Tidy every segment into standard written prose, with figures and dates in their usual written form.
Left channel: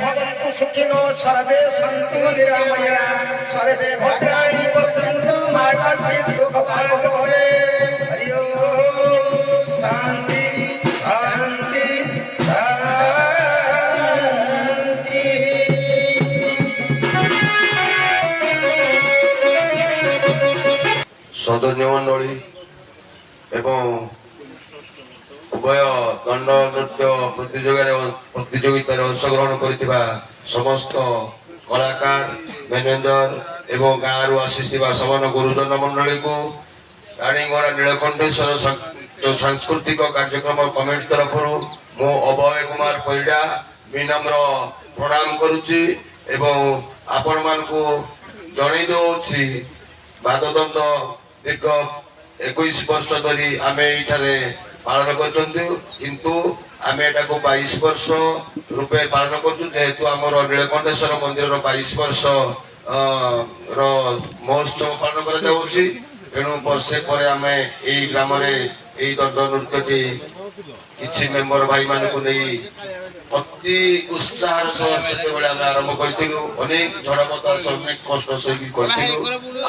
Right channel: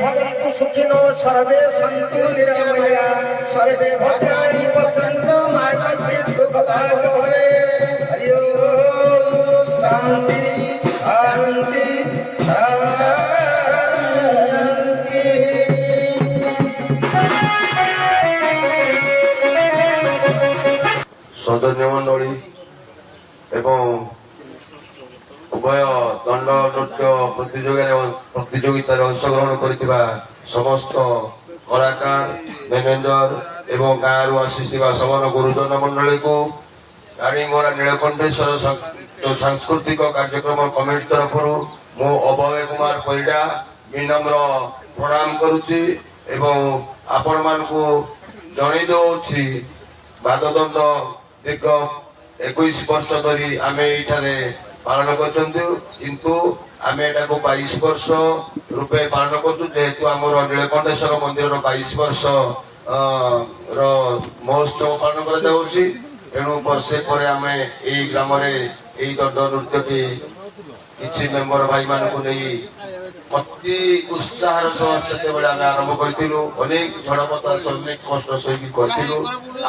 भवन्तु सुखिनो सर्वे सन्तु निरामया सर्वे भद्राणि पश्यन्तु मा कश्चित् दुःखभाग् भवेत्। हरि ओम् शान्ति शान्ति सदस्य मंडली एवं उभय दंड नृत्य प्रतियोगितार अंशग्रहण करथिबा समस्त कलाकार मैनेजर एवं गाँव रु आसीथिबा समान गुरुजन मंडली को रानीगड़ा नीलकंठेश्वर सांस्कृतिक कार्यक्रम कमिटी तरफ मु अभय कुमार परिडा विनम्र प्रणाम करुच्ची एवं आपण मानकु जणै दउछि बाददंड दीर्घ 21 वर्ष धरी आम ये पालन किंतु आम एटा को 22 वर्ष रूपे पालन करेतु आम नीलकंठेश्वर मंदिर 22 वर्ष महोत्सव पालन करेणु वर्षे पर आम यही ग्राम दंड नृत्य किसी मेम्बर भाई मान अति उत्साह से आरंभ करूँ अनेक झड़ बतास अनेक कष्ट सही करूँ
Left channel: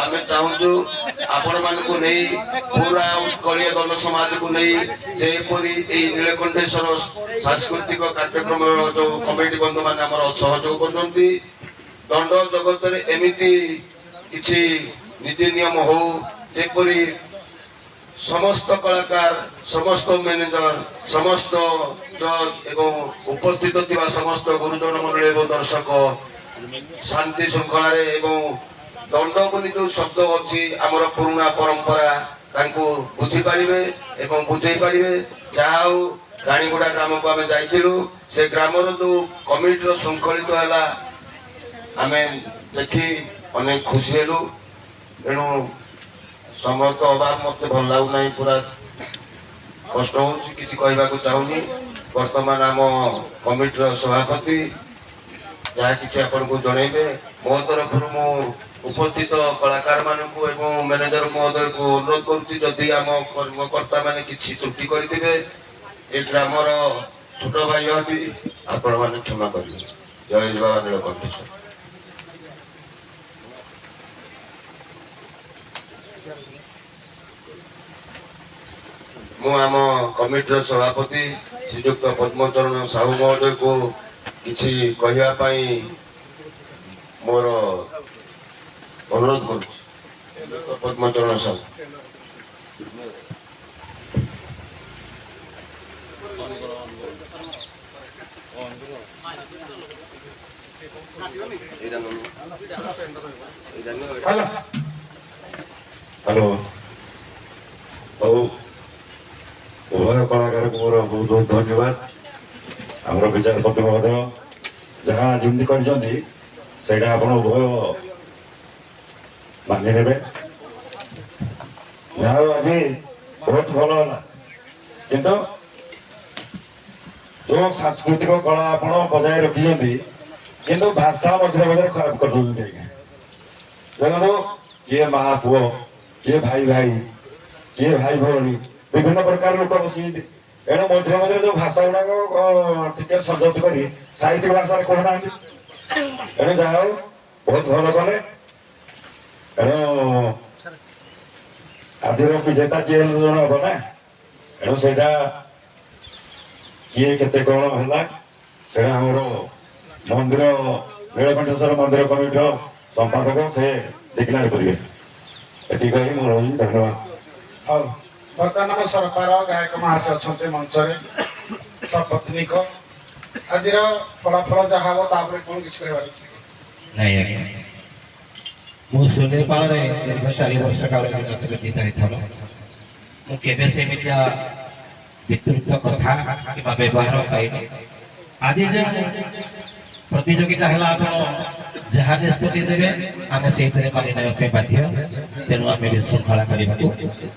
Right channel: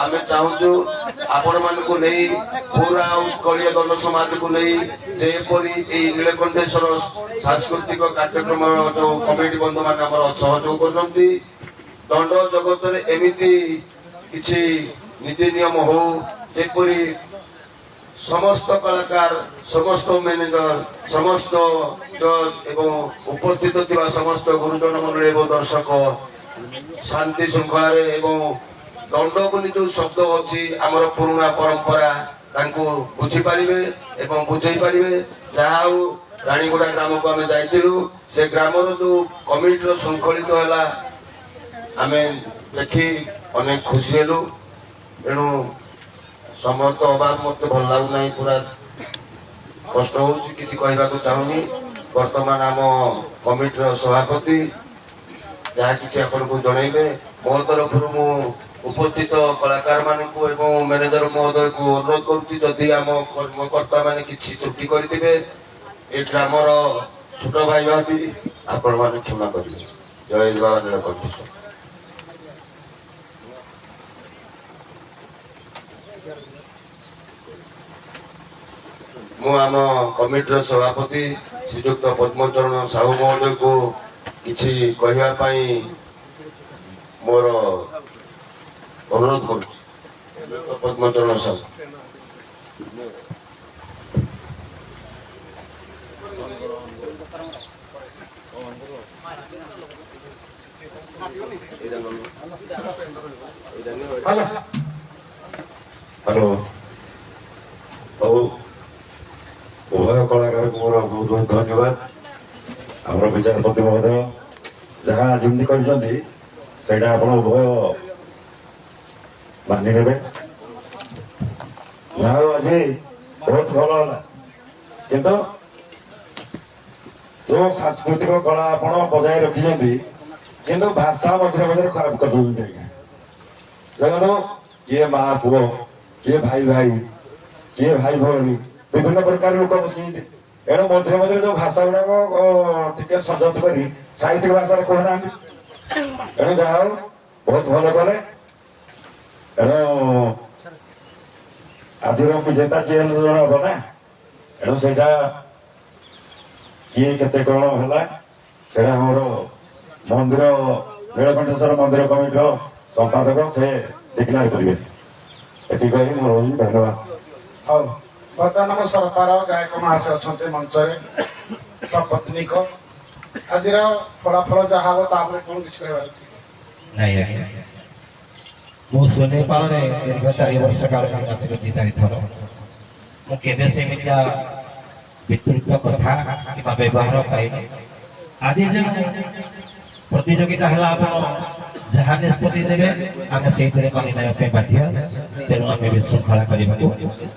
आम चाहूँ आपण मानक नहीं पूरा उत्कलीय दल समाज को नहीं जेपरी नीलकंठेश्वर सांस्कृतिक कार्यक्रम जो कमिटी बंधु मान सहयोग कर दंड जगत एमती किसी नीति नियम हो जेपरी समस्त कलाकार समस्त मैनेजर समस्त जज एवं उपस्थित थिबा समस्त गुरुजन मंडली एवं दर्शक शांति श्रृंखला दंड बोली जो शब्द अच्छी आमर पुराणा परंपरा बुझी पारे एवं बुझे पारे जहा रानीगुड़ा ग्राम को आम जाइलु से ग्राम जो कमिटी श्रृंखलित है आम देखी अनेक खुशी हेलु तेणु समय तो अभाव मत भल लगुना पूरा कष्ट हो कि चाहूनी वर्तमान आम कमिटर सभापति जहाँ कि आपन को जनइबे मो तरफ मु उपस्थित कलाकार मानू एवं मैनेजर महोदय को अनुरोध करुच्ची जदि आम कर्मकर्ता मैंने किसी त्रुटि करेंगे ए ग्रामर छोट भाई भावी आपण मैंने क्षमा करेंगे। जय बाबा नीलकंठेश्वर। मु आम कमिटर सभापति श्रीजुक्त पद्मचरण साहू महोदय को किसी कहवाई मोर अनुरोध करुच्ची। पद्मचरण साहू हेलो उभय कलाकार को मोर बहुत बहुत धन्यवाद। आम विचारपति महोदय जहाँ जमी कर उभय मानि ने आज बहुत भल है किंतु जो सांस्कृतिक कला आप बजाय रखिंट किंतु भाषा मझे मझे खराब कर देखो किए माँ पुओ किए भाई भाई किए भाई भौणी विभिन्न प्रकार लोक बस एणु मझे मझे जो भाषा गुड़ाक टे सजत कर साहित्य भाषा कहना एणु जहा बहुत भल कले एणु आज विजेता जी जन हम ना एणु से किए के कौन है मंदिर नीलकंठेश्वर मंदिर कमिटी संपादक से डिक्लेयर करेंगे ये कही मोर धन्यवाद। हाँ बर्तमान आम सरकार गायक महाशय अच्छा मंच सपत्नीक आज फलाफल जहाँ हम कौन किसी कह मु सुनेपाल दीर्घ 4 वर्ष काल मुझे से विस्तृत कथा कि व्यवहार पाई आज जो प्रतियोगिता है आप जहाँ निष्पत्ति देवे आम से मानि ना बाध्य तेणु आम विशृंखला करने को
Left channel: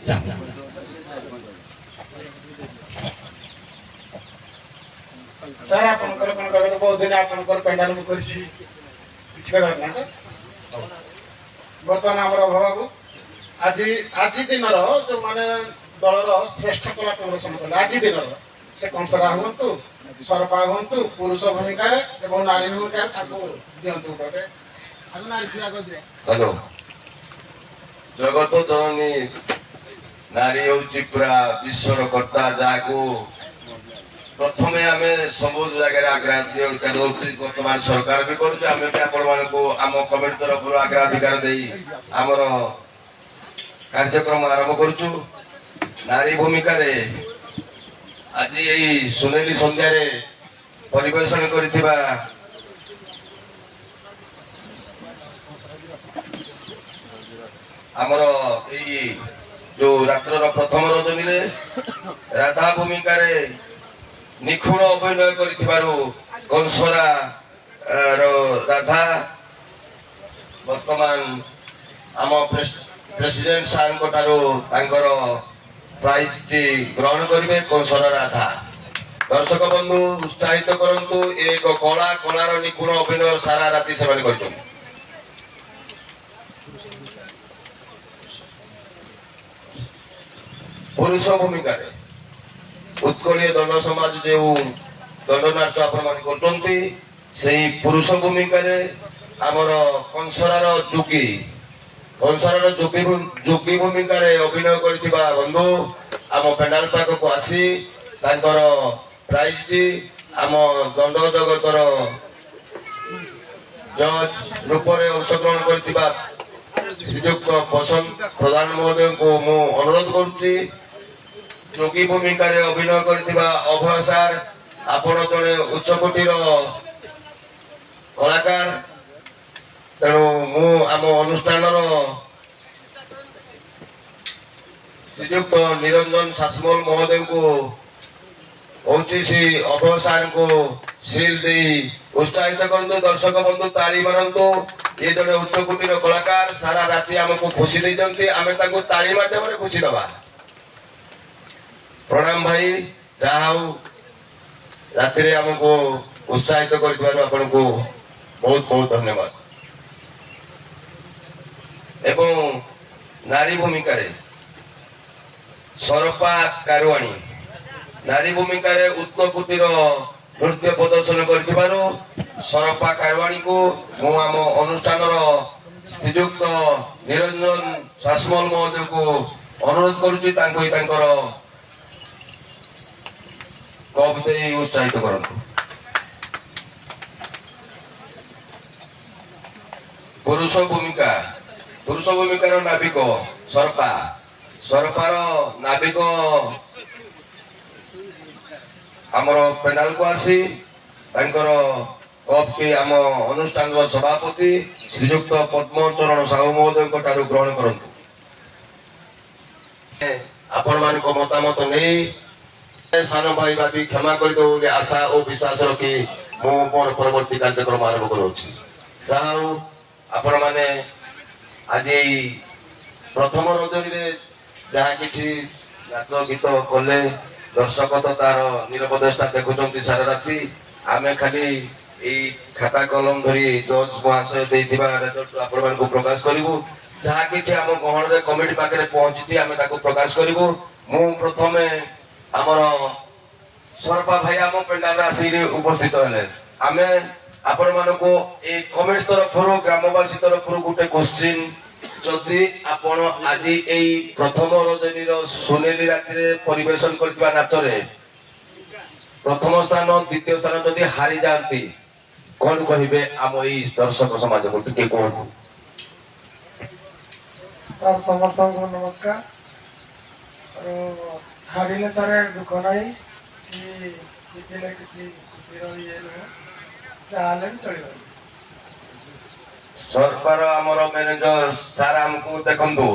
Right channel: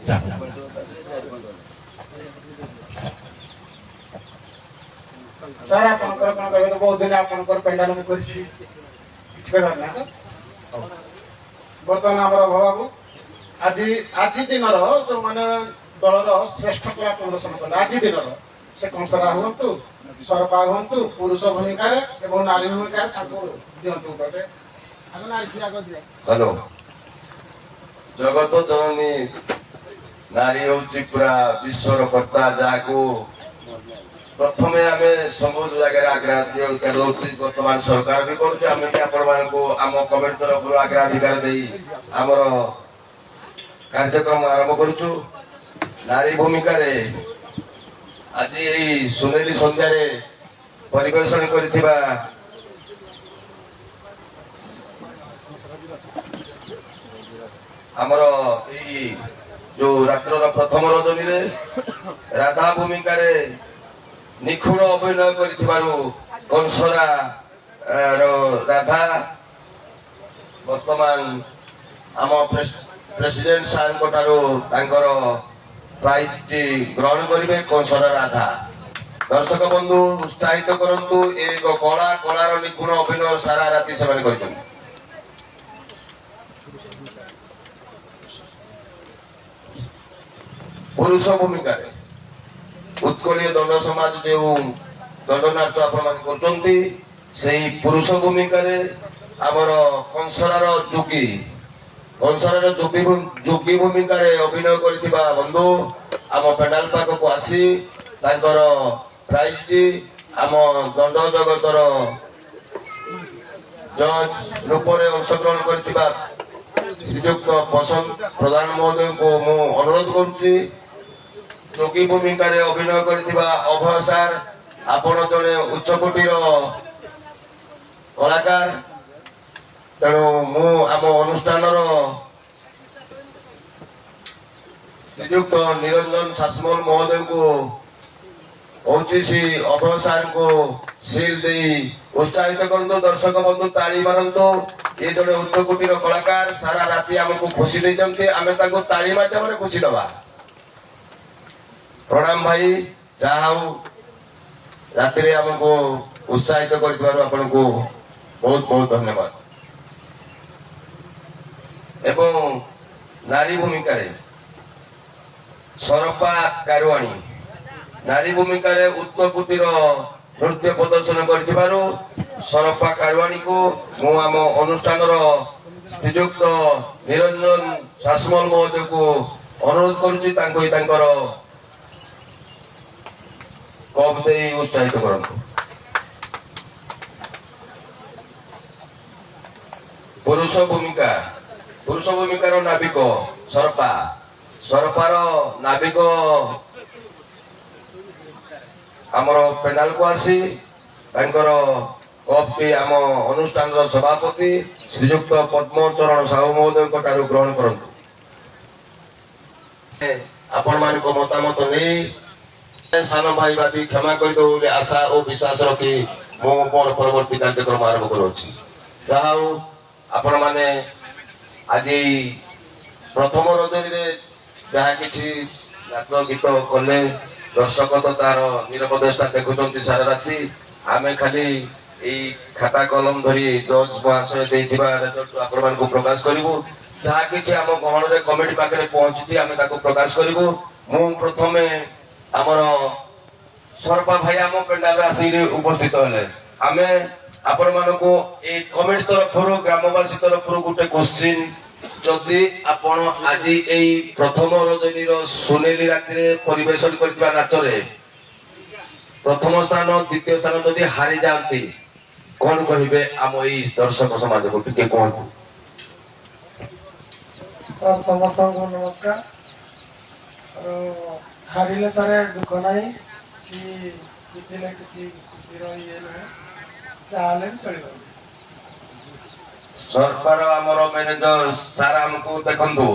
चाहूँ। सर आपनकर कोन कहबे तो बहुत दिन आपनकर पेंडाल मु करछि किछ कहबार ना बर्तमान हमर बाबू आज दिन जो माने दलर श्रेष्ठ कला प्रदर्शन कले आज दिन ସେ କଂସରା ହୁଅନ୍ତୁ ସରପା ହୁଅନ୍ତୁ ପୁରୁଷ ଭୂମିକାରେ ଏବଂ ନାରୀ ଭୂମିକାରେ ତାଙ୍କୁ ଦିଅନ୍ତୁ ଗୋଟେ ହ୍ୟାଲୋ ଜଗତ ଜନନୀ ନାରୀ ହଉଛି ପୁରା ବିଶ୍ୱର କର୍ତ୍ତା ଯାହାକୁ ପ୍ରଥମେ ଆମେ ସବୁ ଜାଗାରେ ଅଗ୍ରାଧିକାର ଦଉଛୁ ବର୍ତ୍ତମାନ ସରକାର ବି କରୁଛୁ ଆମେ ବି ଆପଣମାନଙ୍କୁ ଆମ କମିଟି ତରଫରୁ ଅଗ୍ରାଧିକାର ଦେଇ ଆମର କାର୍ଯ୍ୟକ୍ରମ ଆରମ୍ଭ କରୁଛୁ ନାରୀ ଭୂମିକାରେ ଆଜି ଏଇ ସୁନେଲି ସନ୍ଧ୍ୟାରେ ପରିବେଷଣ କରିଥିବା ଆମର ଏଇ ଯୋଉ ରାତ୍ରର ପ୍ରଥମ ରଜନୀରେ ରାଧା ଭୂମିକାରେ ନିଖୁଣ ଅଭିନୟ କରିଥିବାରୁ କଂସରା ରାଧା ବର୍ତ୍ତମାନ ଆମ ପ୍ରେସିଡେଣ୍ଟ ସାର୍ଙ୍କ ଠାରୁ ତାଙ୍କର ପ୍ରାଇଜଟି ଗ୍ରହଣ କରିବେ କଂସରା ରାଧା ଦର୍ଶକ ବନ୍ଧୁ ଉତ୍ସାହିତ କରନ୍ତୁ ଏକ କଳାର ନିଖୁଣ ଅଭିନୟ ସାରା ରାତି ସେମାନେ କରିଛନ୍ତି ପୁରୁଷ ଭୂମିକାରେ ଉତ୍କଳୀୟ ଦଣ୍ଡ ସମାଜ ଯେଉଁ ଦଣ୍ଡନାଟ୍ୟ ଆପଣମାନେ କରୁଛନ୍ତି ସେଇ ପୁରୁଷ ଭୂମିକାରେ ଆମର କଂସରାର ଯୋଗୀ ଭୂମିକାରେ ଅଭିନୟ କରିଥିବା ବନ୍ଧୁ ଆମ ପେଣ୍ଡାଲ ପାଖକୁ ଆସି ତାଙ୍କର ପ୍ରାଇଜଟି ଆମ ଦଣ୍ଡ ଜଗତର ଜଜ୍ ରୂପରେ ଅଂଶଗ୍ରହଣ କରିଥିବା ଶ୍ରୀଯୁକ୍ତ ବସନ୍ତ ପ୍ରଧାନ ମହୋଦୟଙ୍କୁ ମୁଁ ଅନୁରୋଧ କରୁଛି ଯୋଗୀ ଭୂମିକାରେ ଅଭିନୟ କରିଥିବା ଅଭୟ ସାର୍ ଆପଣ ଜଣେ ଉଚ୍ଚକୋଟୀର କଳାକାର ତେଣୁ ମୁଁ ଆମ ଅନୁଷ୍ଠାନର ଶ୍ରୀଯୁକ୍ତ ନିରଞ୍ଜନ ଶାସମଲ ମହୋଦୟଙ୍କୁ କହୁଛି ଶ୍ରୀ ଅଭୟ ସାର୍ଙ୍କୁ ସିଲ୍ ଦେଇ ଉତ୍ସାହିତ କରନ୍ତୁ ଦର୍ଶକ ବନ୍ଧୁ ତାଳି ମାରନ୍ତୁ ଏ ଜଣେ ଉଚ୍ଚକୋଟୀର କଳାକାର ସାରା ରାତି ଆମକୁ ଖୁସି ଦେଇଛନ୍ତି ଆମେ ତାଙ୍କୁ ତାଳି ମାଧ୍ୟମରେ ଖୁସି ଦେବା ପ୍ରଣାମ ଭାଇ ଯାହା ହଉ ରାତିରେ ଆମକୁ ଉତ୍ସାହିତ କରିଥିବାରୁ ଆପଣଙ୍କୁ ବହୁତ ବହୁତ ଧନ୍ୟବାଦ ଏବଂ ନାରୀ ଭୂମିକାରେ ସରପା କାରୁଆଣୀ ନାରୀ ଭୂମିକାରେ ଉଚ୍ଚକୋଟୀର ନୃତ୍ୟ ପ୍ରଦର୍ଶନ କରିଥିବାରୁ ସରପା କାରୁଆଣୀକୁ ମୁଁ ଆମ ଅନୁଷ୍ଠାନର ଶ୍ରୀଯୁକ୍ତ ନିରଞ୍ଜନ ଶାସମଲ ମହୋଦୟଙ୍କୁ ଅନୁରୋଧ କରୁଛି ତାଙ୍କୁ ତାଙ୍କର କପ୍ ଦେଇ ଉତ୍ସାହିତ କରନ୍ତୁ ପୁରୁଷ ଭୂମିକାର ନାବିକ ସରପାର ନାବିକ ଆମର ପେଣ୍ଡାଲକୁ ଆସି ତାଙ୍କର କପ୍ ଆମ ଅନୁଷ୍ଠାନର ସଭାପତି ଶ୍ରୀଯୁକ୍ତ ପଦ୍ମଚରଣ ସାହୁ ମହୋଦୟଙ୍କ ଠାରୁ ଗ୍ରହଣ କରନ୍ତୁ ଆପଣମାନଙ୍କ ମତାମତ ନେଇ ସାନ ଭାଇ ଭାବି କ୍ଷମା କରିଦେବ ବୋଲି ଆଶା ଓ ବିଶ୍ୱାସ ରଖି ମୁଁ ମୋର ପରବର୍ତ୍ତୀ କାର୍ଯ୍ୟକ୍ରମ ଆରମ୍ଭ କରୁଅଛି ଯାହା ହଉ ଆପଣମାନେ ଆଜି ପ୍ରଥମ ରଜନୀରେ ଯାହା କିଛି ନାଚ ଗୀତ କଲେ ଦର୍ଶକ ତ ତାର ନିରବଦେଶଟା ଦେଖୁଛନ୍ତି ସାରା ରାତି ଆମେ ଖାଲି ଏଇ ଖାତା କଲମ ଧରି ଜଜ୍ ମହାଶୟ ଦେଇଥିବା ରେଜଲ୍ଟ ଆପଣମାନଙ୍କୁ ପ୍ରକାଶ କରିବୁ ଯାହା କିଛି ଆମ ଗହଣରେ କମିଟି ପାଖରେ ପହଞ୍ଚିଛି ଆମେ ତାକୁ ପ୍ରକାଶ କରିବୁ ମୁଁ ପ୍ରଥମେ ଆମର ସରପା ଭାଇ ଆମ ପେଣ୍ଡାଲରେ ଆସିକି ଉପସ୍ଥିତ ହେଲେ ଆମେ ଆପଣମାନଙ୍କୁ ଏଇ କମିଟି ତରଫରୁ ଗ୍ରାମବାସୀ ତରଫରୁ ଗୋଟେ କୋଶ୍ଚିନ୍ ଯଦି ଆପଣ ଆଜି ଏଇ ପ୍ରଥମ ରଜନୀର ସୁନେଲି ରାତିରେ ପରିବେଷଣ କରିଥିବା ନାଚରେ ପ୍ରଥମ ସ୍ଥାନ ଦ୍ୱିତୀୟ ସ୍ଥାନ ଯଦି ହାରି ଯାଆନ୍ତି କଣ କହିବେ ଆମ ଏଇ ଦର୍ଶକ ସମାଜକୁ ଟିକେ କୁହନ୍ତୁ ସାର୍ ସମସ୍ତଙ୍କୁ ନମସ୍କାର ହାରିଲେ ସାର୍ ଦୁଃଖ ନାହିଁ କି ଜିତିଲେ କିଛି ଖୁସିର ଇଏ ନୁହେଁ ଯାହାହେଲେ ବି ଚଳିବ ସରକାର ଆମର ମ୍ୟାନେଜର ସାର୍ ଆମକୁ ଦେଖନ୍ତୁ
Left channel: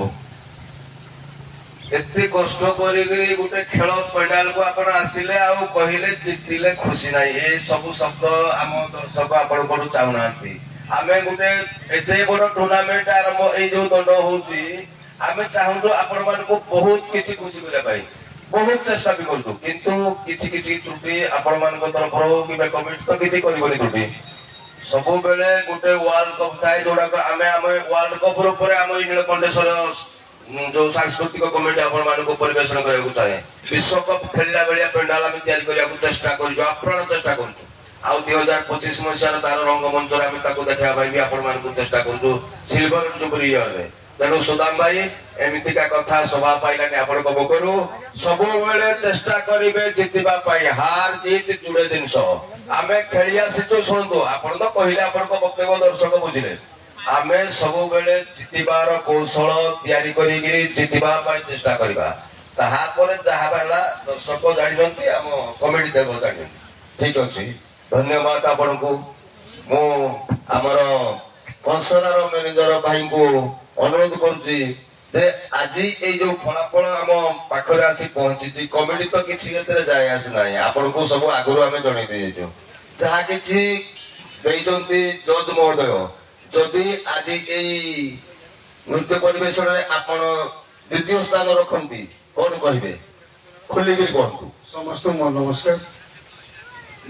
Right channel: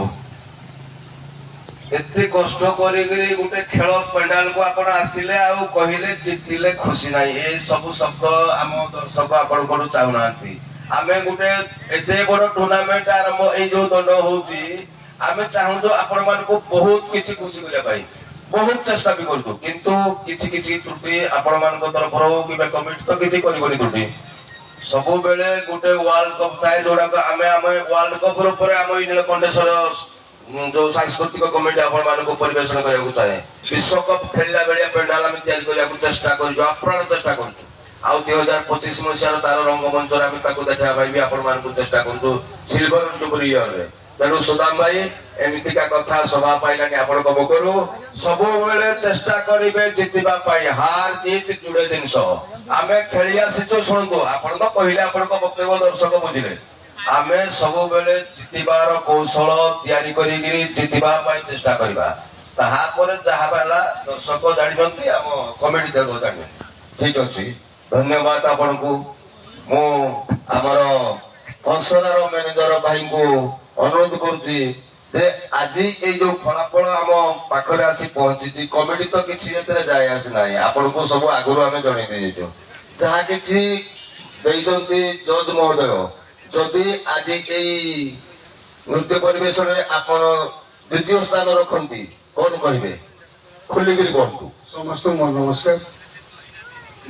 ଏତେ କଷ୍ଟ କରିକିରି ଗୋଟେ ଖେଳ ପେଣ୍ଡାଲକୁ ଆପଣ ଆସିଲେ ଆଉ କହିଲେ ଜିତିଲେ ଖୁସି ନାହିଁ ଏ ସବୁ ଶବ୍ଦ ଆମ ଦର୍ଶକ ଆପଣଙ୍କଠୁ ଚାହୁଁନାହାନ୍ତି ଆମେ ଗୋଟେ ଏତେ ବଡ ଟୁର୍ଣ୍ଣାମେଣ୍ଟ ଆରମ୍ଭ ଏଇ ଯୋଉ ଦଣ୍ଡ ହଉଛି ଆମେ ଚାହୁଁଛୁ ଆପଣ ମାନଙ୍କୁ ବହୁତ କିଛି ଖୁସି କରିବା ପାଇଁ ବହୁତ ଚେଷ୍ଟା ବି କରୁଛୁ କିନ୍ତୁ କିଛି କିଛି ତ୍ରୁଟି ଆପଣ ମାନଙ୍କ ତରଫରୁ କିମ୍ବା କମିଟି ତ କିଛି କରିବନି ତ୍ରୁଟି ସବୁବେଳେ ଗୋଟେ ୱାର୍ଲଡ କପ୍ ଥାଏ ଯୋଉଟାକୁ ଆମେ ୱାର୍ଲଡ କପ୍ ରୂପରେ ଆମ ଏଇ ନୀଳକଣ୍ଠେଶ୍ୱର जो सांस्कृतिक कमिटी आपण मानक परिवेशन करने चाहे विश्वकप खेलला बेलिया पेंडाल आम तैयारी करने चेष्टा कर चेष्टा कर 2025 मसीहार तार रंगमंच आम देखा भी आपण मानक चेष्टा कर सिल्वर जुबली इयर रे तेणु सुदाम भाई एमतीका कथा सभा पाइलानी आपण मुखर सब चेष्टा करेंगे जितवा हार जीत जुड़े जिनस आम खेली आसीचु शुणु आपड़ तो कहले आपण वक्तव्य दर्शक बुझे आम सब बेले जितबार कौशल तैयारी जितवा चेष्टा करवा ताहापर जहा बाला दर्शक जानते आम कमिटी देव जान ठीक अच्छे धन्यवाद आपण को मु आमर कंसलर मैनेजर भाई को अनुरोध करुच्ची जे आज ये जो फलाफल आम पाखरे आसी पहुंची कमिटी तो किसी जाए आसी ना आपण को सब आगु आम जन दे जहा कि जज महोदय जदि आज यही नृत्य परिवेशन आपण द्वितीय स्थान रखती कौन कहे खोलिकी कहतु समस्त नमस्कार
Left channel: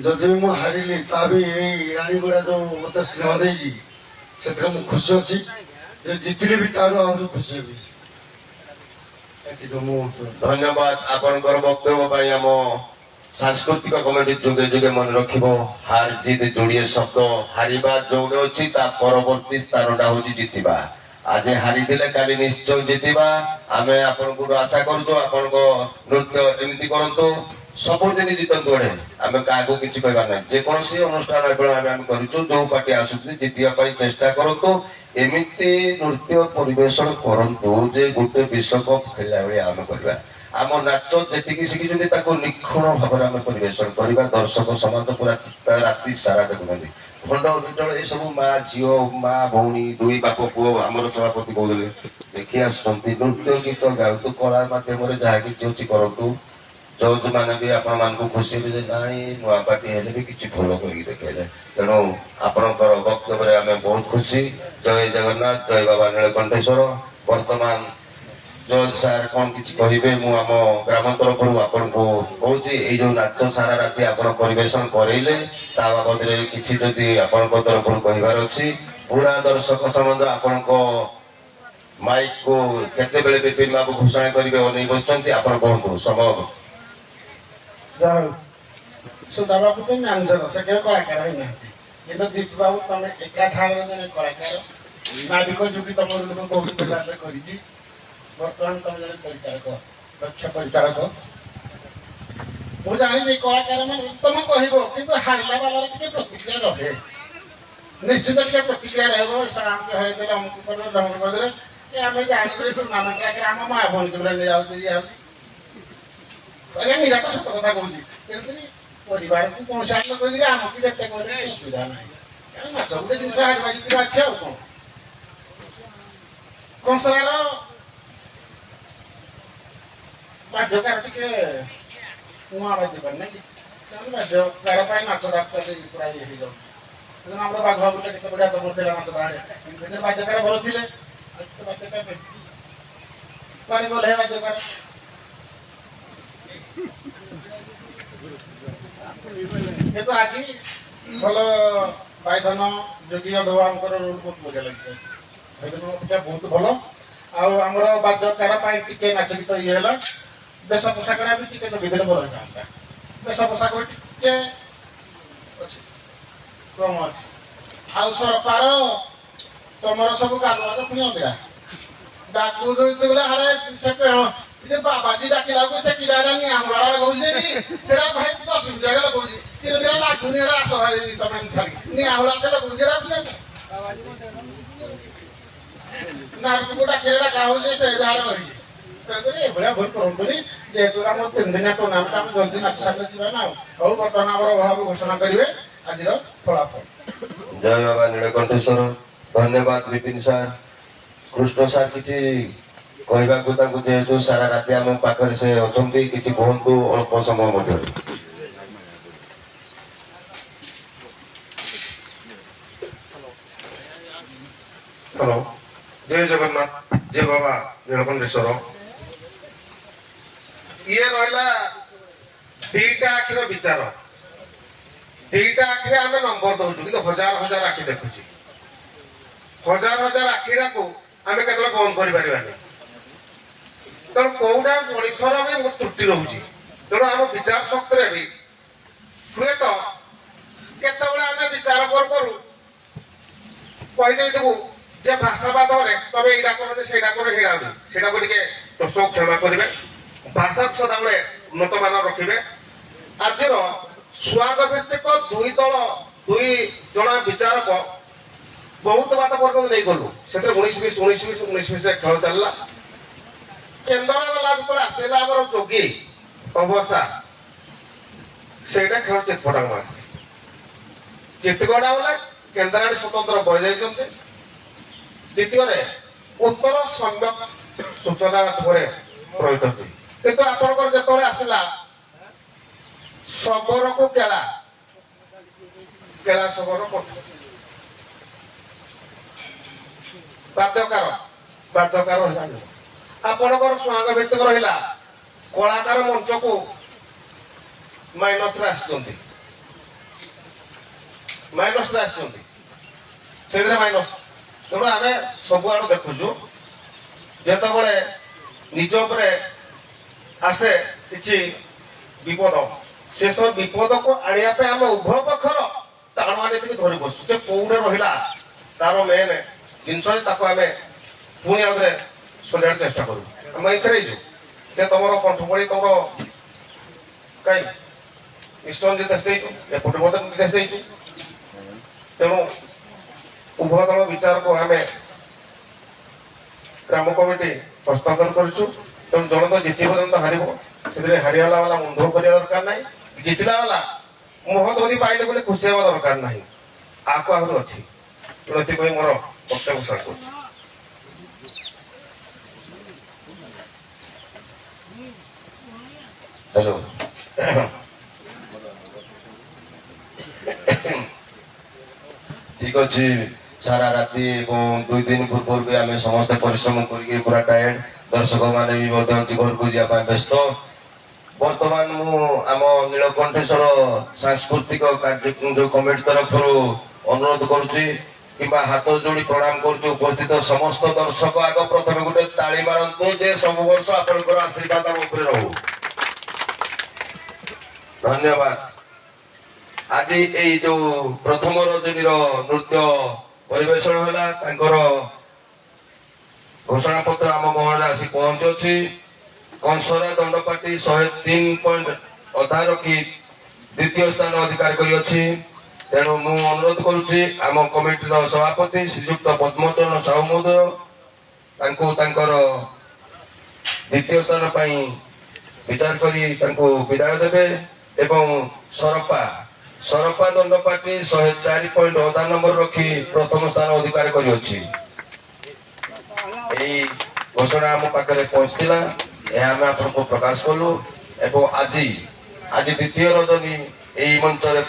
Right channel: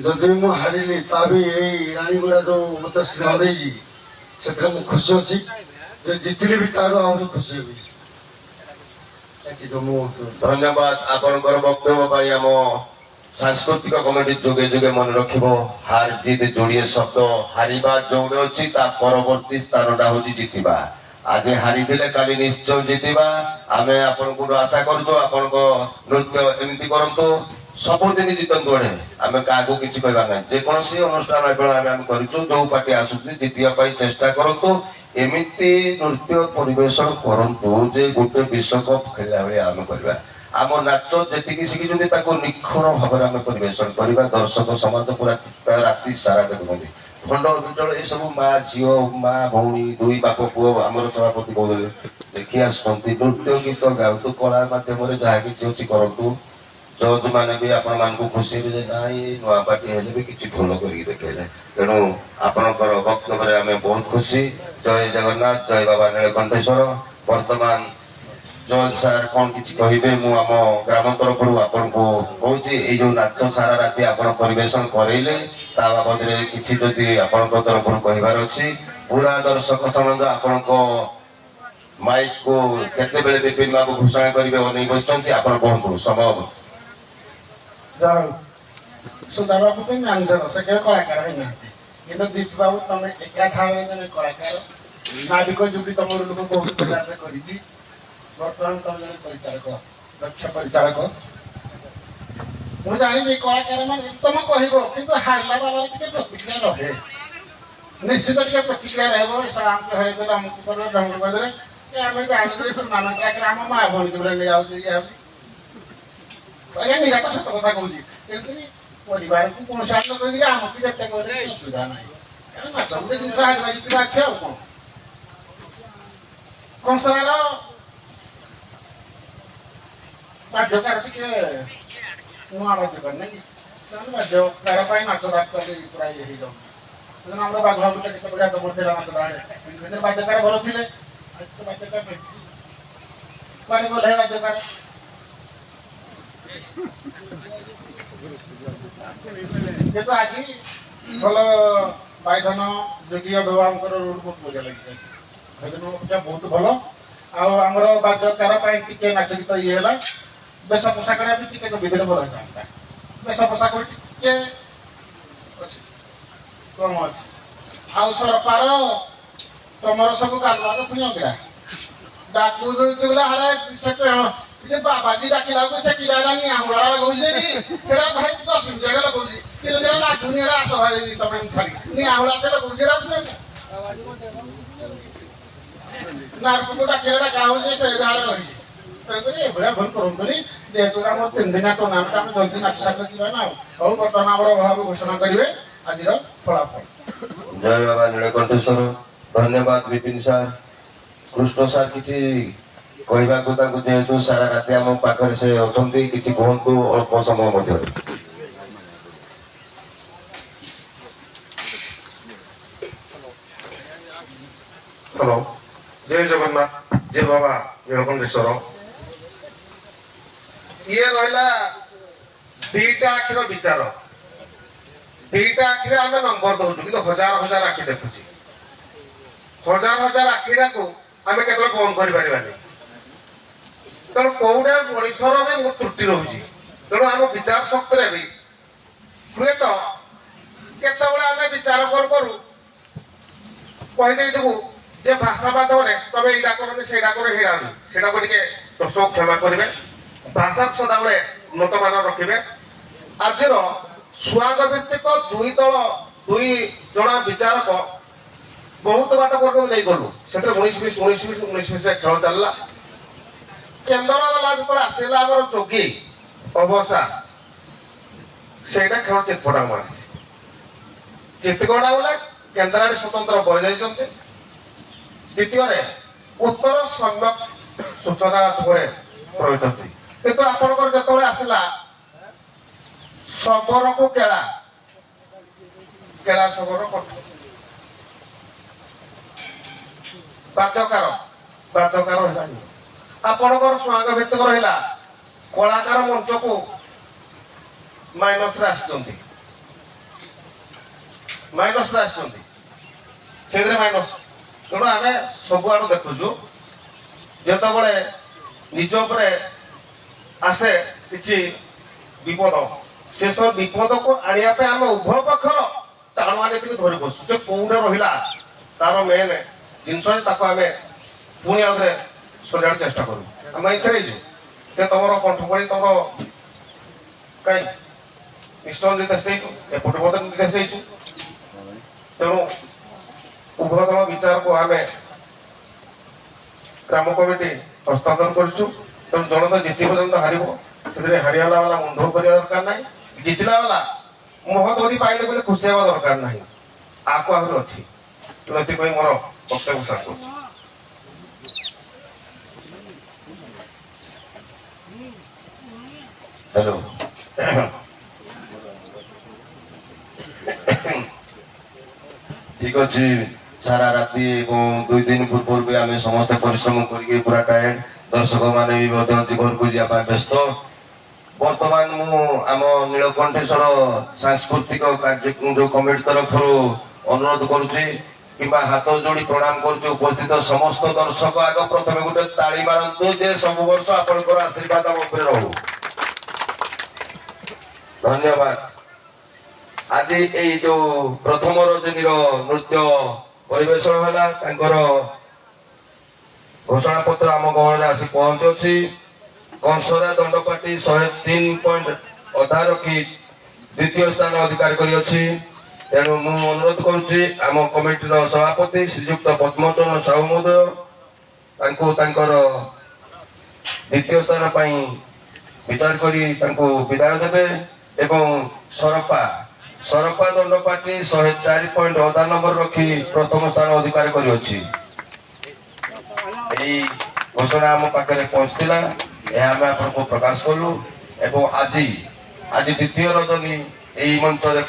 जदि भी मुझे हारिली ता भी यही रानीगुड़ा जो मत स्नेह देजी से खुशी अच्छी जे जितने भी तार आहरी खुशी हेबी धन्यवाद आपणकर वक्तव्य आम सांस्कृतिक कमिटी जुगे जुगे मन रखिब हार जीत जोड़िए शब्द हारिबा जोड़े अच्छी परवर्ती स्थानटा हूँ जितवा आज हारी काली निश्चय जितवा आम आपण आशा करूँ आपण नृत्य एमती करूँ सबुदिन जितंतु अड़े आम क्या किसी कहबार ना जेकोसी अनुष्ठान करूँ जो पार्टी आसुची जितवा चेष्टा करूँ एमती नृत्य परिवेशन करंतु जे गोटे विश्वकप खेला हुए आम करवा आम नाच जी शिखी निखुण भाव आम परिवेशन करवा दर्शक समाज पूरा राति सारा देखुं खंड विटल ये सब माँ झील माँ भौणी दुई बाप पुओ आमर सभापति कहते देखी आसुँच नृत्य गीत गाँतु कला मध्यम जहाँ कि करूँ जज मैंने भी आपण मान खुशी ना नुआ पार्टी हेले भी किसी भूल कर देखले तेणु आपणकर वक्तव्य आम बहुत खुशी जय जगन्नाथ जय बाबा नीलकंठेश्वर वर्तमान जज सार कौन किसी कहे मु आम ग्राम तरफ आपन को कहूँ ये जो नाच सारा राति आप परिवेशन करेले बाबद किसी जदि आपण तरफ कहबार अच्छी पूरा दर्शक समाज आपण माइक को केते बेले विपिन बाबू घोषणा करेंगे अनेक बसते आप कहतु समय सुधा बाबू तो जानर से केवल कलाकार ही ना कि दीप बाबू तुम एका थाने जन कलाकार नाविक जुगी तुम लोग बहुत प्रकार बर्तमान तुम जन परिचालक दक्ष परिचालक मुझे जानी कलाकार मान तुम कह कि हारला बाला टे प्रतिक्रिया रहे निश्चित टे प्रतिक्रिया रमको हरदे अमुक ढंग करदे आम जानी टूर्णामेंट आम माँ भौणी की नहीं जाऊँ अरे निराट सत कथा कहूँ तेणुक परिवार को कौन सा कह आमको जिते कर असुविधा ना नाच गोटे जिन हारिबा जितवा अच्छे आ कौन कंसलार बाध्यकार टे नुआ बाध्यकार ना कि बाध्यकार नाच डाक पूरा ये हो आम बाघ बाबू के बढ़िया तुम नाच बाहर बाध्यकार भल थे बाध्यकार गले बाध्यकार किंतु आज भल बैधन जोगी अभिभावक रोड बहुत मजा लगे बहुत भल आमर बाध्यकार टे नाच गीत ये है बेश पोशाक भी टे विधि भल होता बेश पोशाक टे कम अच्छे आ सरकार तुम सब गालुआ पुणी अगरा डाकू हरे से बाबाजी डाकिला से किला नहीं आंगला लगौजे तेरा भाई तो सुविधा लगौजे तेरा तेरा लागुनी रा सहाय तमे थारी नहीं आंगला से लगौजे रा ना को डाकिला का हो से गार रही तेरे बड़ा भूल करंतनी जेतु हम 3 दिन टूर्नामेंट हम जल्दी नाच साथ जीवा ना बहु बर्तमान हमर भाव घोषणा करिवे आजिर फलाफल जय बाबा नीलकंठेश्वर धन्यवाद विपिन सार कृष्ण सार किसी कहवाक जेहेतु सारा राति आम पाखे से अच्छा किसी कहतु अल्प समय मध्य हेलो जय जगन्नाथ जय बाबा नीलकंठेश्वर ये रहा दीटा आखिर विचार दीटा आखिर आम नंबर दौचु कि हजार हजार आखि देखुची हजार हजार आखिरा को आम के बंद कर ତେଣୁ କୋଉଟା ମଣିଷର ବି ବହୁତ ତ୍ରୁଟି ରହୁଛି। ତେଣୁ ଆମ ବିଚାର ଶକ୍ତିରେ ବି ହୁଏତ କେତେବେଳେ ଆମେ ବିଚାର କରୁ କରୁ କହିଦେଇଥିବୁ ଯେ ଭାଷା ମାଧ୍ୟମରେ ତମେ ଏଇଟା କରନି ସେଇଟା କର ହେଇଟା ସେଇଟାକୁ ଟିକେ ଦର୍ଶକ କ୍ଷମା କରିବେ। ଭାଷାକୁ ସଦାବେଳେ ଉନ୍ନତମାନ ରଖିବେ। ଆଜିର ସୁଆଗ ଭିତ୍ତିକ ଦୁଇ ଜଣ ବିଚାରକ ବହୁତ ବାଟ ପର୍ଯ୍ୟନ୍ତ ନେଇଗଲୁ। ସେଥିରେ 19-20 ଖେଳ ଚାଲିଲା। କେନ୍ଦ୍ର ବାଲା ଯେତେବେଳେ ଆସିଲା ଆମର ଯୋଗୀ ଅବସା ସେଇଟା ଖେଳ ଚିତପଟା ମାରିଛି। କେତେକଟା ବୋଲେ କେନ୍ଦ୍ରାଡି ସ୍ୱତନ୍ତ୍ର ବହି ଯାଇଛନ୍ତି। ଦ୍ୱିତୀୟରେ ଉତ୍ତର ସମ୍ୟକ ସୂଚନା ମାଧ୍ୟମରେ ରହିଛନ୍ତି। କିନ୍ତୁ ଆପଣଙ୍କର ଯେତେବେଳେ ଆସିଲା ଶବରକୁ କେଳା ଶବର ବାଦ୍ୟକାର ରହିଲା। ଆପଣଙ୍କର ସ୍ୱାଙ୍ଗ ଭିତ୍ତିକ ରହିଲା କଳାକାର ମଞ୍ଚକୁ ମାଇନସରେ ଆସିଛନ୍ତି ସେଥିରେ ମାଇନସ। ତେଣୁ ଆମେ ସବୁଆଡୁ ଦେଖୁଛୁ ଯେତେବେଳେ ନିଜ ଉପରେ ଆସେ କିଛି ବିପଦ ସେସବୁ ବିପଦକୁ ଆଣିବା ପାଇଁ ଆମେ ଉଭୟ ପକ୍ଷର ଟାଣୁଆ ନୀତିକି ଧରି ବସୁ। ଯେ କୋଉଠି ରହିଲା ତାର ମେନ୍ ଜିନିଷ ତାକୁ ଆମେ ପୁଣି ଆଉଥରେ ସଜାଡ ଚେଷ୍ଟା କରୁ। ଆମେ ଏଥିରେ ହେଇଛୁ ଯେ ତମର କଣ୍ଠପଳି ତମର କାଇଁ ନିଷ୍ଠର ନିର୍ଦ୍ଦେଶ ଦେଇଛୁ, ଏପଟେ ମଧ୍ୟ ନିର୍ଦ୍ଦେଶ ଦେଇଛୁ। ତେଣୁ ଉଭୟ ଦଳ ବିଚାରକୁ ଆମେ ଗ୍ରାମ କମିଟି ହସ୍ତାନ୍ତର କରିଛୁ। ତେଣୁ ଜଣେ ତ ଜିତିବ ଜଣେ ତ ହାରିବ। ସେଥିରେ ହାରିଗଲା ବାଲା ମନ ଦୁଃଖ କରିବା ଦରକାର ନାହିଁ। ଜିତିଲା ବାଲା ମହଦୀ ପାଇଲେ ବୋଲି ଖୁସି ହେବା ଦରକାର ନାହିଁ। ଆକୁ ଆହୁରି ଅଛି। ତେଣୁ ଏଥିପାଇଁ ମୋର ବକ୍ତବ୍ୟ ସାର କରୁଛି। ହ୍ୟାଲୋ, ଠିକ ଅଛି। ସାରା ରାତି ଏବଂ 2 ଦିନ ପୂର୍ବରୁ ବି ଆମେ ସମସ୍ତେ ପରିଶ୍ରମ କରିକି ପୁରା ଟାୟାର୍ଡ, ଦର୍ଶକ ମାନେ ବି ମଧ୍ୟ ଘରକୁ ଯିବା ପାଇଁ ବ୍ୟସ୍ତ। ବର୍ତ୍ତମାନ ମୁଁ ଆମ ନୀଳକଣ୍ଠେଶ୍ୱର ସାଂସ୍କୃତିକ କାର୍ଯ୍ୟ କମିଟି ତରଫରୁ ଅନୁରୋଧ କରୁଛି କିମ୍ବା ହାତ ଯୋଡି ପ୍ରଣାମ କରୁଛି ଉପସ୍ଥିତ ସମସ୍ତ ଦର୍ଶକ ଆଗ ପ୍ରଥମେ ଗୋଟେ ତାଳି ମାରନ୍ତୁ ଯେ ସବୁ ବର୍ଷ ଆପଣଙ୍କର ଆଶୀର୍ବାଦ ଆମ ଉପରେ ରହୁ। ଧନ୍ୟବାଦ। ଆଜି ଏଇ ଯୋଉ ପ୍ରଥମ ରଜନୀର ନୃତ୍ୟ ପରିବେଷଣ ହେଲା ତାଙ୍କର ଘୋଷଣା ପତ୍ର ଆମ ଗହଣରେ ଆସି ପହଞ୍ଚୁଛି। କଂସରା ଦଣ୍ଡପାଟି 103 ପଏଣ୍ଟ ଅଧା ରଖି ଦ୍ୱିତୀୟ ସ୍ଥାନ ଅଧିକାର କରିଅଛି। ତେଣୁ ମୁଁ ଅନୁରୋଧ କରୁଛି ଆମ କମିଟିର ସଭାପତି ଶ୍ରୀଯୁକ୍ତ ପଦ୍ମଚରଣ ସାହୁ ମହୋଦୟ ତାଙ୍କୁ ତାଙ୍କର ଦ୍ୱିତୀୟ ସ୍ଥାନ ପାଇଁ ବିଚାର କରି ତାଙ୍କୁ ବିଦାୟ ଦେବେ। ଏବଂ ସରପା ଦଣ୍ଡପାଟି 104 ପଏଣ୍ଟ ଅଧା ନମ୍ବର ରଖି ପ୍ରଥମ ସ୍ଥାନ ଅଧିକାର କରିଅଛି। ଏହି ଘୋଷଣା ଆମ ପାଖରେ ପହଞ୍ଚିଥିଲା, ଏହା ଆମେ ଆପଣଙ୍କୁ ପ୍ରକାଶ କଲୁ। ଏବଂ ଆଜି ଦ୍ୱିତୀୟ ରଜନୀ ଏହି ମଞ୍ଚରେ